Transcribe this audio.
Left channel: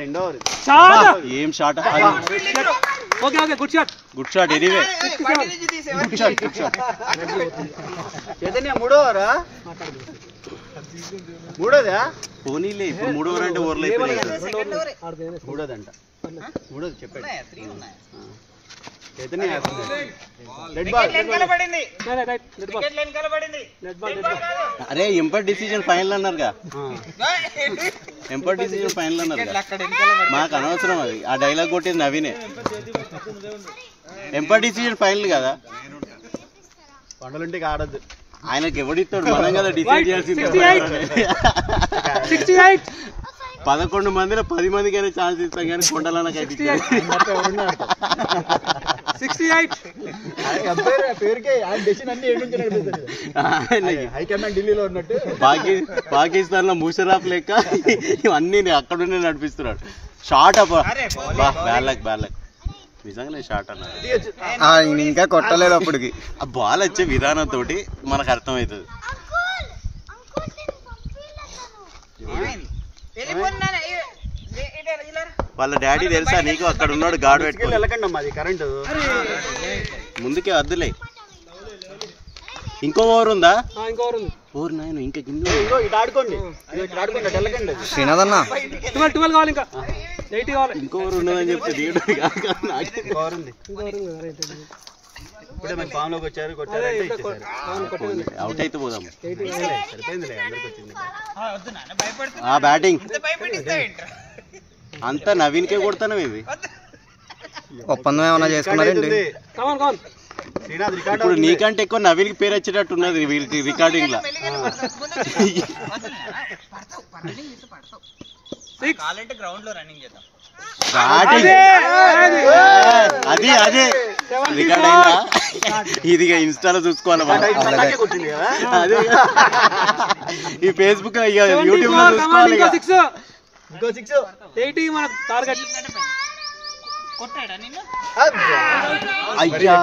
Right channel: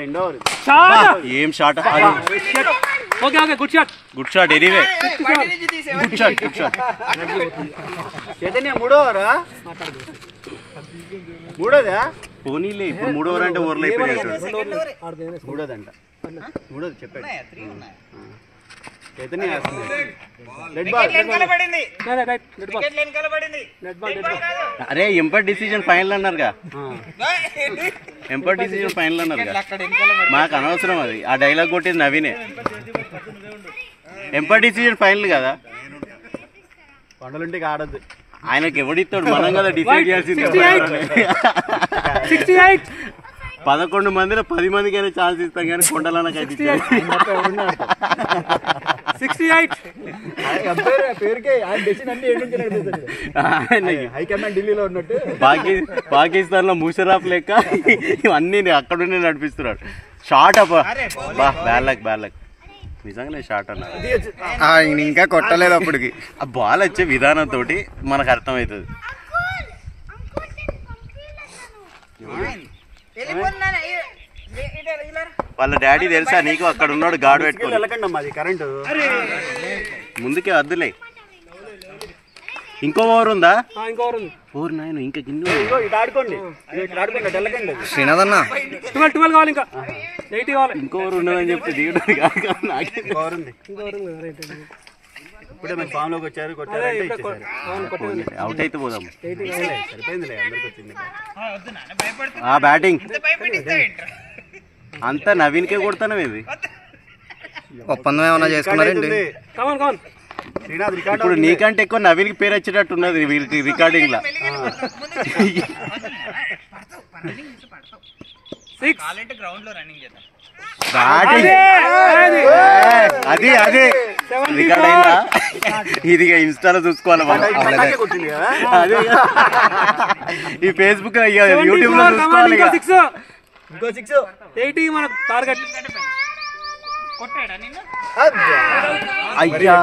రెండో ఓవర్ ఏం shot. Okay okay good shot anyway good shot Chaitanya మూడో ఓవరా మూడోదా పోనీలే ఇప్పుడు 3 ఓవర్ అంటే ఓవర్లు అయిపోయినాయి. మూడోదంట మూడోది చెప్పాడు చైతన్య రెడ్ బాల్ అరే ఎంపర్ డిసిజన్ ఫైనల్ అన్నారుగా మాకు అనవసరం అది. ఆ డైలాగ్ కొట్టేది నవీనే. ఎంపర్ డిసిజన్ ఫైనల్ కదా పండులుంటే ఆడద్దు. ఆయనకి ఎవడిస్తాడు మనం కదా డిసైడ్ చేయాల్సింది. 11 మందిలో 10 మందికైనా ఛాన్స్ ఇస్తాం కానీ కొండలనకైతే పాకిస్తాన్ లో ముషరఫ్ లెక్క ఇవన్నీ అక్కడుండి నడిపిస్తున్నాడు. షార్ట్ అప్ బ్యాడ్ లక్ నిజంగానే షార్ట్ అన్న ఇంకా కొట్టలేదు అప్పటికి. ఆ బాల్ వచ్చే విధానంతో మనకు అర్థమవుతుంది. వాళ్ళ డాడీ తెలుసా నీకు అక్కడ ఉన్నాడు గాడు పెట్టుకుని ముందుకే వద్దులే. ఇంకో ఓవర్ ఉందా? ఓవర్ నాయన ఇంకా శ్రీనాథన్న ఇంకో ఓవర్ ఉన్నదని చెప్తే అవుట్ అయితే పోదాం. బ్యాటింగ్ అంతా నవీన్కే కొడతాను. ఇది ఒప్పందం ఏమన్నా చేసుకున్నారండి? ఇప్పుడు నీకంటే ఎక్కువ నవీన్కి పేరు వచ్చేటట్టు ఉన్నది వీళ్ళకి రికార్డింగ్ లా. అది అదే రికార్డింగ్ లా. ఇది ఇన్స్టాలో చూసుకోవాలి, ఈ ఫేస్బుక్ యూట్యూబ్ లో చూసుకోవాలి. అయ్యా